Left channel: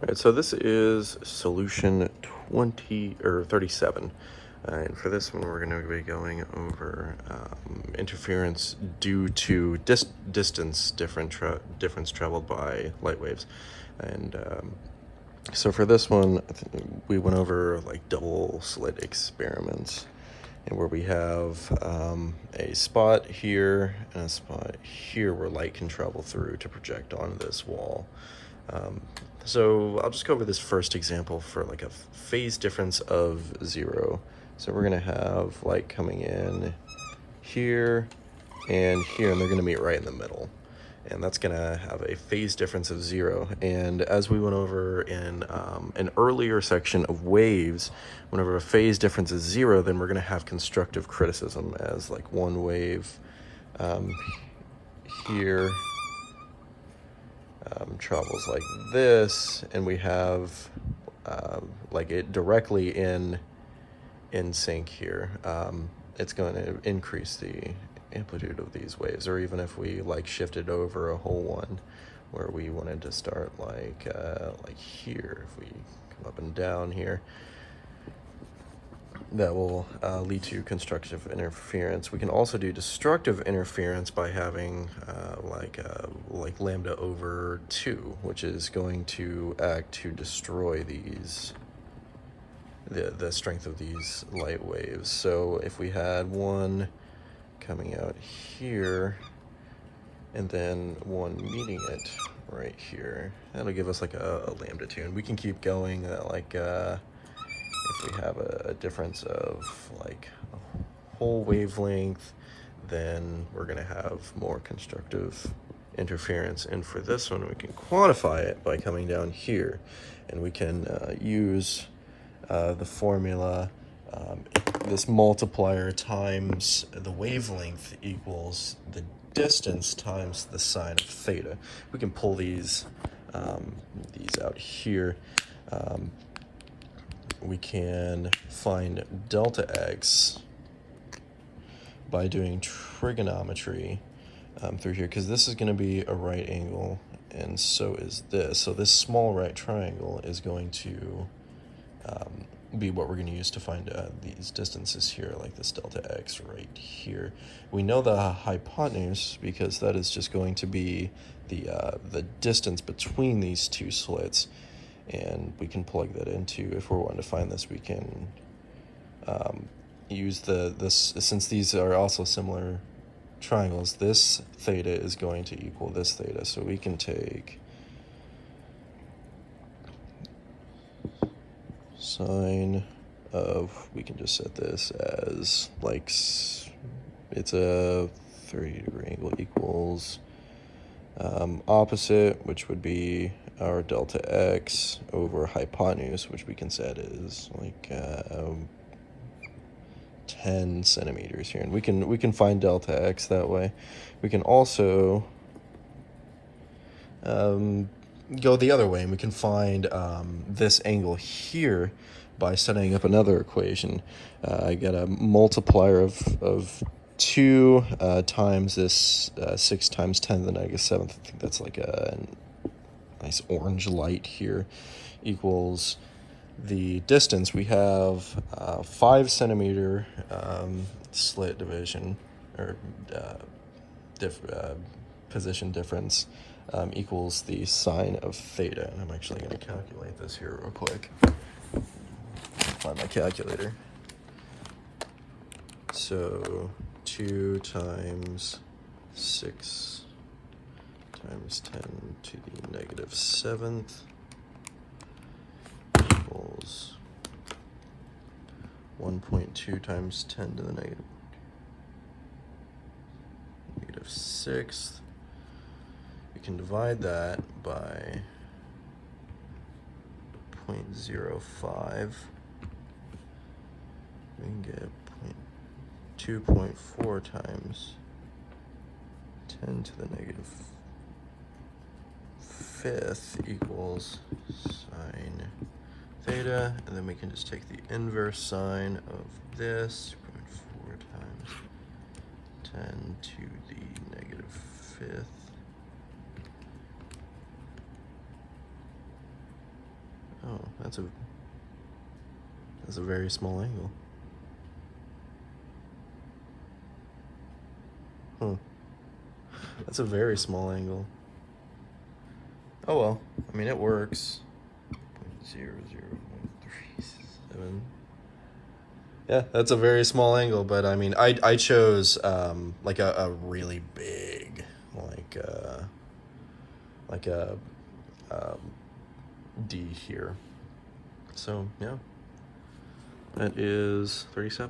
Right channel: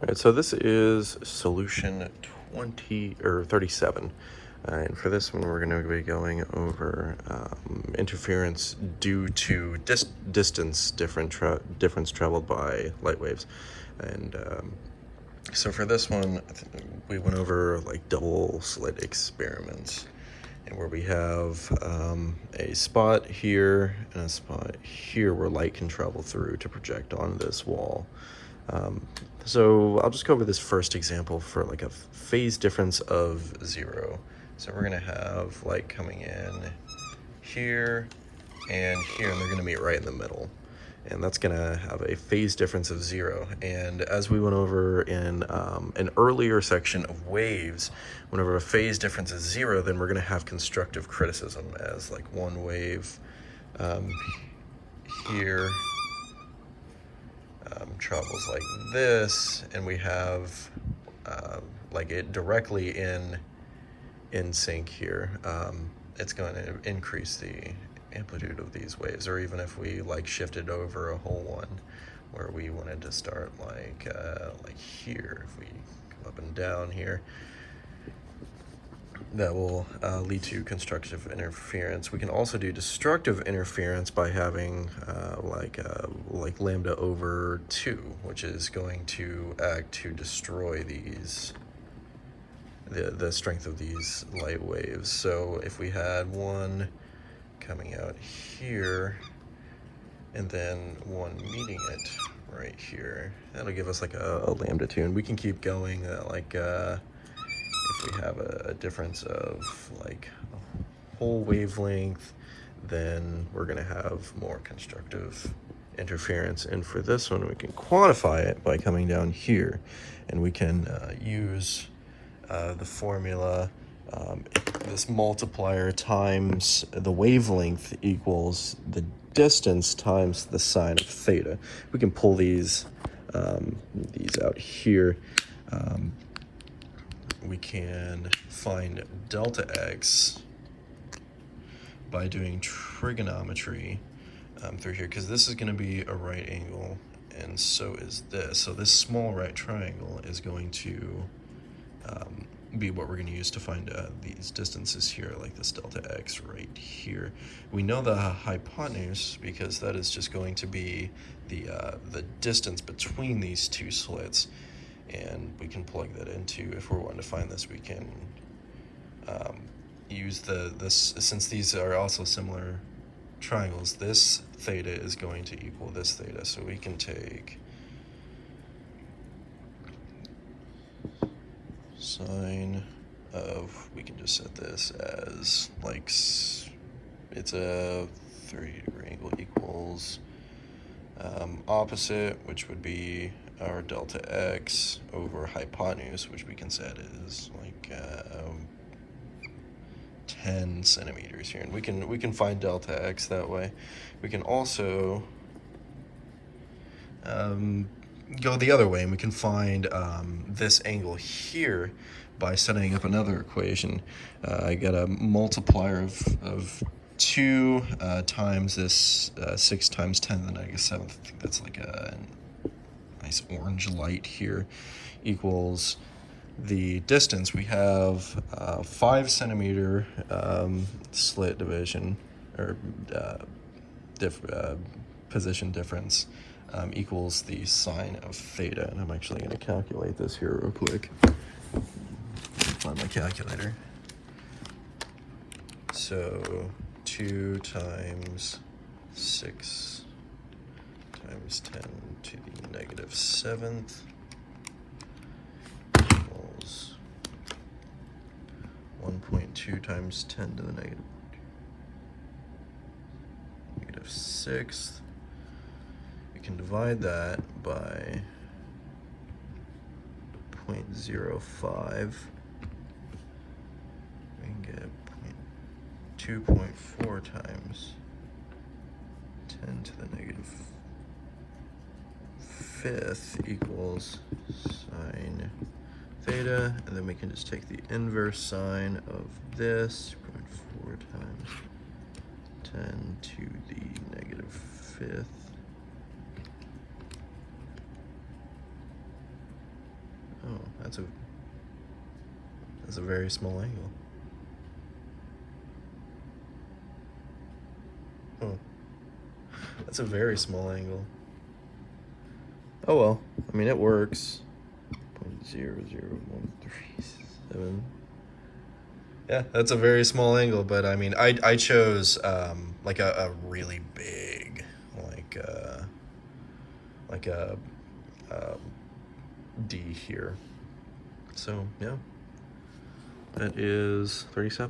All right, so this is solution 20 or 37. And for this one, we're going to be going over interference due to distance difference traveled by light waves. And so for this one, we went over like double slit experiments, and where we have a spot here and a spot here where light can travel through to project on this wall. So I'll just go over this first example for like a phase difference of 0. So we're gonna have light coming in here and here, and they're gonna meet right in the middle. And that's gonna have a phase difference of 0. And as we went over in an earlier section of waves, whenever a phase difference is 0, then we're gonna have constructive criticism, as like one wave here travels like this, and we have like it directly in sync here. It's going to increase the amplitude of these waves. Or even if we like shifted over a whole one where we wanted to start like here, if we come up and down here, that will lead to constructive interference. We can also do destructive interference by having like lambda over 2, which is going to act to destroy these the strength of these light waves. So if we had one coming out here and then one meeting it right here, that'll give us like a lambda 2, and we can keep going if we have a difference of like a whole wavelength, then we're going to have more constructive interference. And for this one, we can quantify it by coming down here, and we can use the formula, this multiplier times the wavelength equals the distance times the sine of theta. We can pull these out here. We can find delta x by doing trigonometry through here, because this is going to be a right angle, and so is this. So this small right triangle is going to be what we're going to use to find these distances here, like this delta x right here. We know the hypotenuse because that is just going to be the distance between these two slits, and we can plug that into, if we're wanting to find this, we can use this, since these are also similar triangles, this theta is going to equal this theta. So we can take sine of, we can just set this as like, it's a 30-degree angle, equals opposite, which would be our delta x, over hypotenuse, which we can set as like 10 centimeters here, and we can find delta x that way. We can also go the other way, and we can find this angle here by setting up another equation. I got a multiplier of 2 times this 6 times 10 to the negative 7th. I think that's like a nice orange light here, equals the distance. We have 5 centimeter slit division, or position difference, equals the sine of theta. And I'm actually going to calculate this here real quick. Find my calculator. So 2 times 6 times 10 to the negative 7th equals 1.2 times 10 to the negative 6th. We can divide that by 0.05. We can get 2.4 times 10 to the negative 5th equals sine theta, and then we can just take the inverse sine of this, 2.4 times 10 to the negative 5th That's a very small angle. That's a very small angle. Oh well, I mean, it works. 0.00137. Yeah, that's a very small angle, but I mean, I chose like a really big, like a D here. So yeah, that is 37.